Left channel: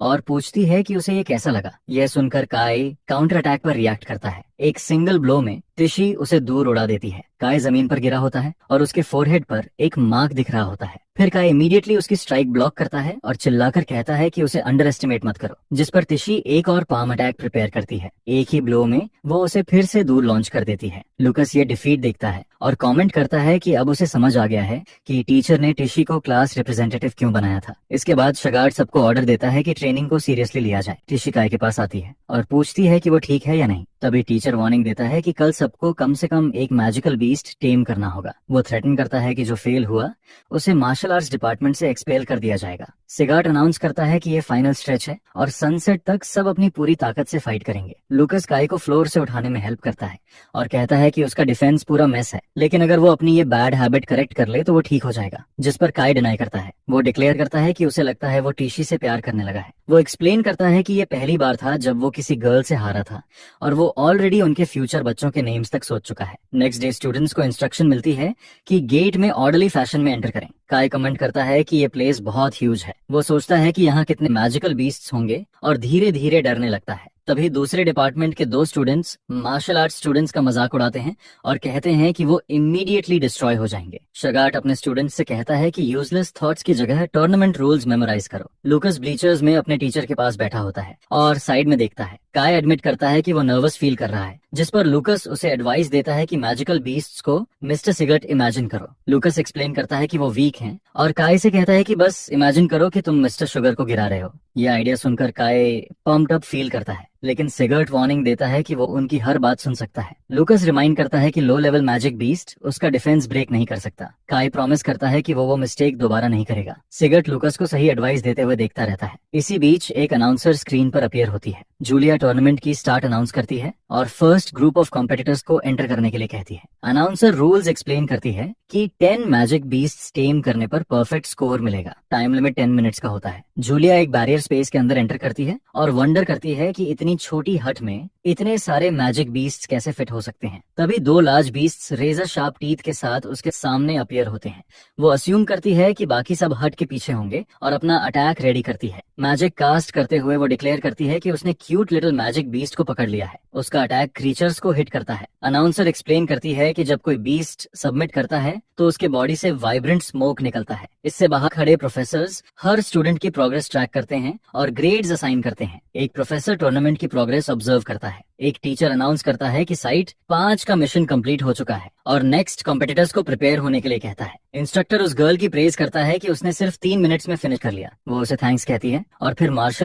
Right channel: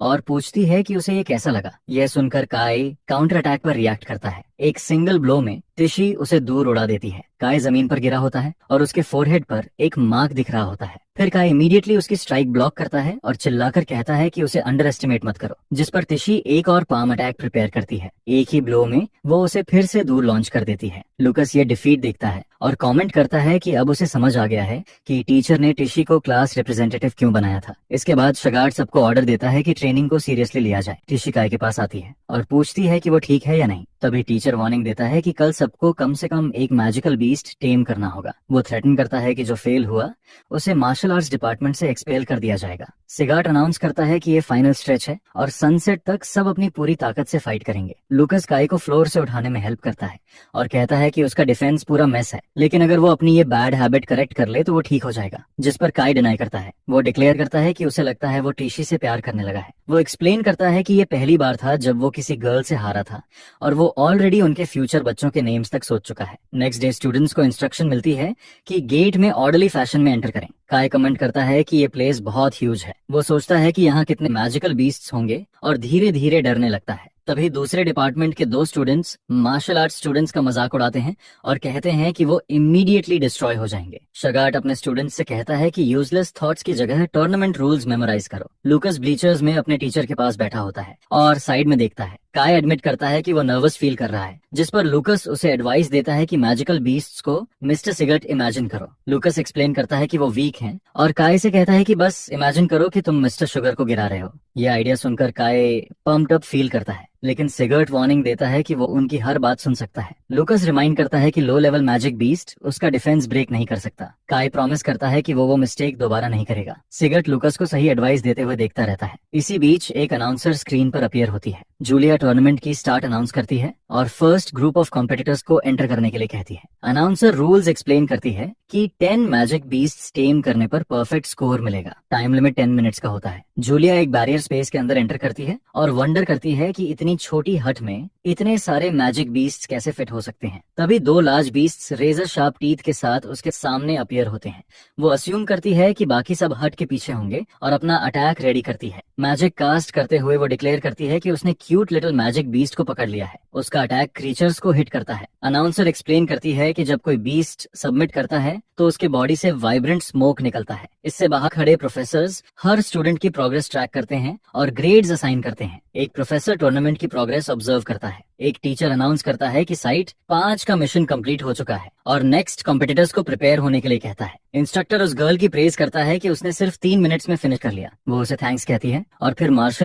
और पूछती है कि उसे ये कैसा लगा। यह सुनकर काई काउंटर अटैक पर रिएक्ट करता है। एक सिंगल ब्लो में टिशी उसे दूर उड़ा देती है। काय जमीन पर गिरा होता है और उसके फोरहेड पर एक मार्क दिख रहा होता है। फिर काय इमीडिएटली उसकी स्ट्राइक ब्लॉक करता है और चिल्लाकर कहता है कि उसे अंडर एस्टिमेट मत करो, जिस पर टिशी एक और पाम अटैक प्रिपेयर करती है। एक ही ब्लो में वो उसे फिर से दूर लॉन्च कर देती है। लुकस ये डिफीट देखता है और कमेंट करता है कि अब उसे समझ आ गया है कि टीचर ने टिशी को क्लास रिप्रेजेंटेटिव क्यों बनाया था। इसके बाद शगार्ड सबको ऑर्डर देता है कि ट्रेनिंग को सीरियसली लिया जाए। टिशी काय के पास आती है और पूछती है कि वो ठीक है या नहीं। तभी टीचर वार्निंग देता है कि कल सबको कम से कम एक मैजिकल बीस्ट टेम करना होगा। वो थ्रेटन करता है कि जो फेल हुआ उसे मार्शल आर्ट्स डिपार्टमेंट से एक्सपेल कर दिया जाएगा। सिगार्ट अनाउंस करता है कि ये फाइनल स्ट्रेच है और सनसेट तक सब अपनी पूरी ताकत से फाइट करेंगे। लुकस काय को फ्लोर से उठाने में हेल्प करता है और कहता है कि उसका डिफेंस पूरा मेस है, लेकिन अगर वो अपनी ये बैड हैबिट करेक्ट कर ले तो वो ठीक हो जाएगा। जिस पर काय डिनाई करता है। वो डिक्लेयर करता है कि उसे लगता है वो टिशी से प्यार करने लगा है। वो एक्सप्लेन करता है कि ये पहली बार था जब वो किसी गर्ल से हारा था और वो ऑलरेडी उनके फ्यूचर बच्चों के नेम्स तक सोच चुका है। नेक्स्ट डे स्टूडेंट्स को इंस्ट्रक्शन मिलती है कि गेट में ऑर्डरली फैशन में एंटर करें। काय कमेंट करता है कि ये प्लेस बहुत ह्यूज है। वो सोचता है कि यहाँ कितने मैजिकल बीस्ट्स होंगे और धीरे धीरे डरने लगता है। तभी दूसरे डिपार्टमेंट के दो स्टूडेंट्स मार्शल आर्ट्स स्टूडेंट्स का मजाक उड़ाते हैं और कहते हैं कि वो इमीडिएटली डिस्ट्रॉय हो जाएंगे। शगार्ट अपने स्टूडेंट्स से कहता है कि यूजलेस थॉट्स की जगह टूर्नामेंट रूल्स मेमोराइज करो। लुकस ब्लीचर्स में अपने टीचर के पास बैठा होता है और साइड में देखता है। काय एडमिट करता है कि वो नर्वस फील कर रहा है, जिस पर लुकस उसे एडवाइस देता है कि मैजिकल बीस्ट्स को मिस्टर सिगर्ट इमेजिन करो। लुकस एक्सप्लेन करता है कि वो वीक हैं और काय से कहता है कि बस इमेजिन करो कि तुम मिस्टर शुगर को गिरा रहे हो। ये आइडिया सुनकर काय पम्प्ड अप फील करता है, लेकिन सिगर्ट वार्निंग देता है कि वो उनकी हर बात सुन सकता है। लुकस रिमाइंड करता है कि लो लेवल मैजिक बीस्ट उसका डिफेंस ब्रेक नहीं कर सकता। काय प्रॉमिस करता है कि वो मिस्टेक दोबारा नहीं करेगा। सिगर्ट लुकस को सही एडवाइस देते हुए देखता रहता है। इसी बीच एक अनाउंसर स्क्रीन पर अपीयर होती है। जूलिया टूर्नामेंट की स्टार्ट अनाउंस करती है और फर्स्ट ग्रुप ऑफ कॉम्पिटिटर्स को एंटर करने के लिए कहती है। अनाउंसर रूल्स एक्सप्लेन करती है कि 10 मैजिक बीस्ट टेम करने पर परफेक्ट स्कोर मिलेगा। टाइम लिमिट 10 मिनट्स का होता है। जूलिया एक बैरियर स्पेस के अंदर एंटर करती है और वंडर करती है कि इतनी छोटी हट में इतने सारे मैजिक बीस्ट्स कैसे फिट हो सकते हैं। तभी दो large beasts razor sharp teeth के साथ उसके सामने अपीयर होते हैं। वो अस्यूम करती है कि बाकी सब हट के पीछे होंगे और अपना अटैक रेडी करती है। मैजिक कास्ट करते हुए वो डिक्लेयर करती है कि उसने क्यूट लिटिल मैजिक बीस्ट को पकड़ लिया है। उसका अटैक क्रीचर्स को हिट करता है। अनाउंसर एक्सप्लेन करती है कि जब कोई बीस्ट सबमिट करता है तो उसके बॉडी से वाइब्रेंट स्मोक निकलता है। इससे बाहर खड़े प्रोफेसर्स हर स्टूडेंट की प्रोग्रेस ट्रैक करते हैं और ग्रेड्स असाइन करते हैं। एक प्रोफेसर टूर्नामेंट की प्रोग्रेस ऑब्जर्व करता है। एक टीचर अनाउंस करता है कि साइट 5 का मिशन कंप्लीट हो चुका है और नेक्स्ट कॉम्पिटिटर्स को प्रिपेयर होने के लिए कहता है। इंस्ट्रक्टर उस गर्ल की प्रेज करता है कि उसने सिर्फ 3 मिनट्स में फिनिश कर लिया। वो उसे थैंक्स कहती है और फिर मार्शल